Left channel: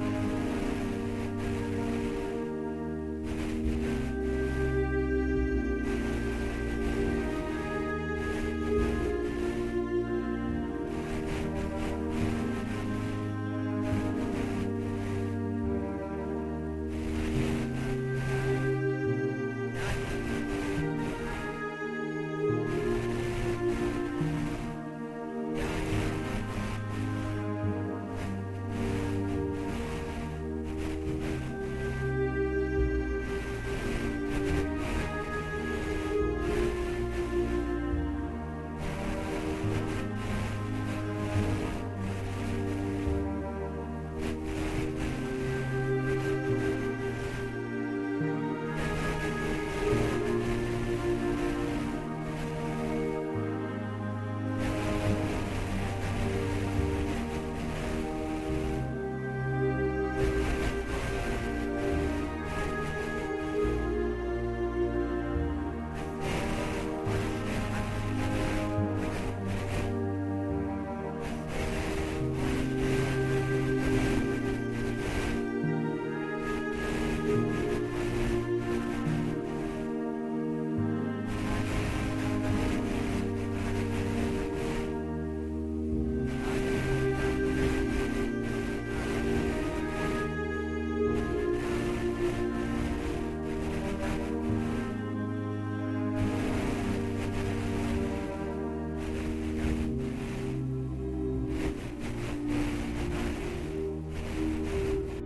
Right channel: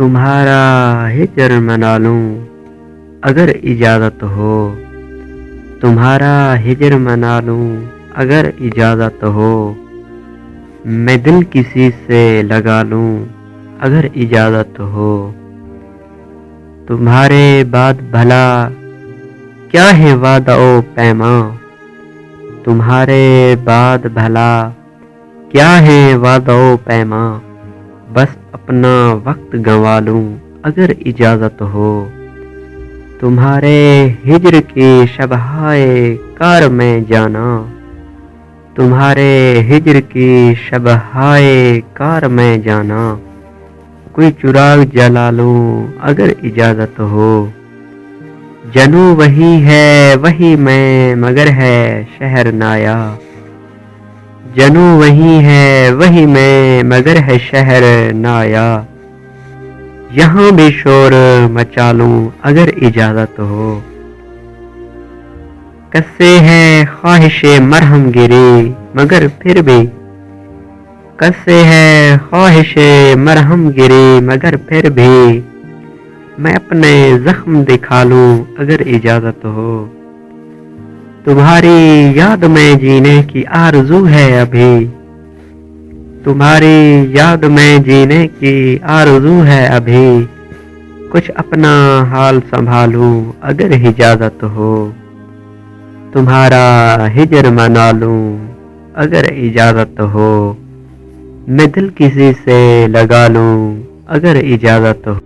تمہارا ہجر منا لوں اگر اجازت ہو، تمہارا ہجر منا لوں اگر اجازت ہو، میں دل کسی سے لگا لوں اگر اجازت ہو، تمہارے بعد بھلا کیا ہے وعدہ و پیماں، تمہارے بعد بھلا کیا ہے وعدہ و پیماں، بس اپنا وقت گنوا لوں اگر اجازت ہو، تمہارے ہجر کی شبہائے کار میں جانا، تمہارے ہجر کی شبہائے کار میں جانا، کوئی چراغ جلا لوں اگر اجازت ہو، جنوں وہی ہے وہی میں مگر ہے شہر نایا، جنوں وہی ہے وہی میں مگر ہے شہر نایا، یہاں بھی شور مچا لوں اگر اجازت ہو، کسے ہے خواہش مرہم گری مگر پھر بھی، کسے ہے خواہش مرہم گری مگر پھر بھی، میں اپنے زخم دکھا لوں اگر اجازت ہو، تمہاری یاد میں جینے کی آرزو ہے ابھی، تمہاری یاد میں جینے کی آرزو ہے ابھی، کچھ اپنا حال سنبھالوں اگر اجازت ہو، تمہارا ہجر منا لوں اگر اجازت ہو، میں دل کسی سے لگا لوں اگر اجازت ہو۔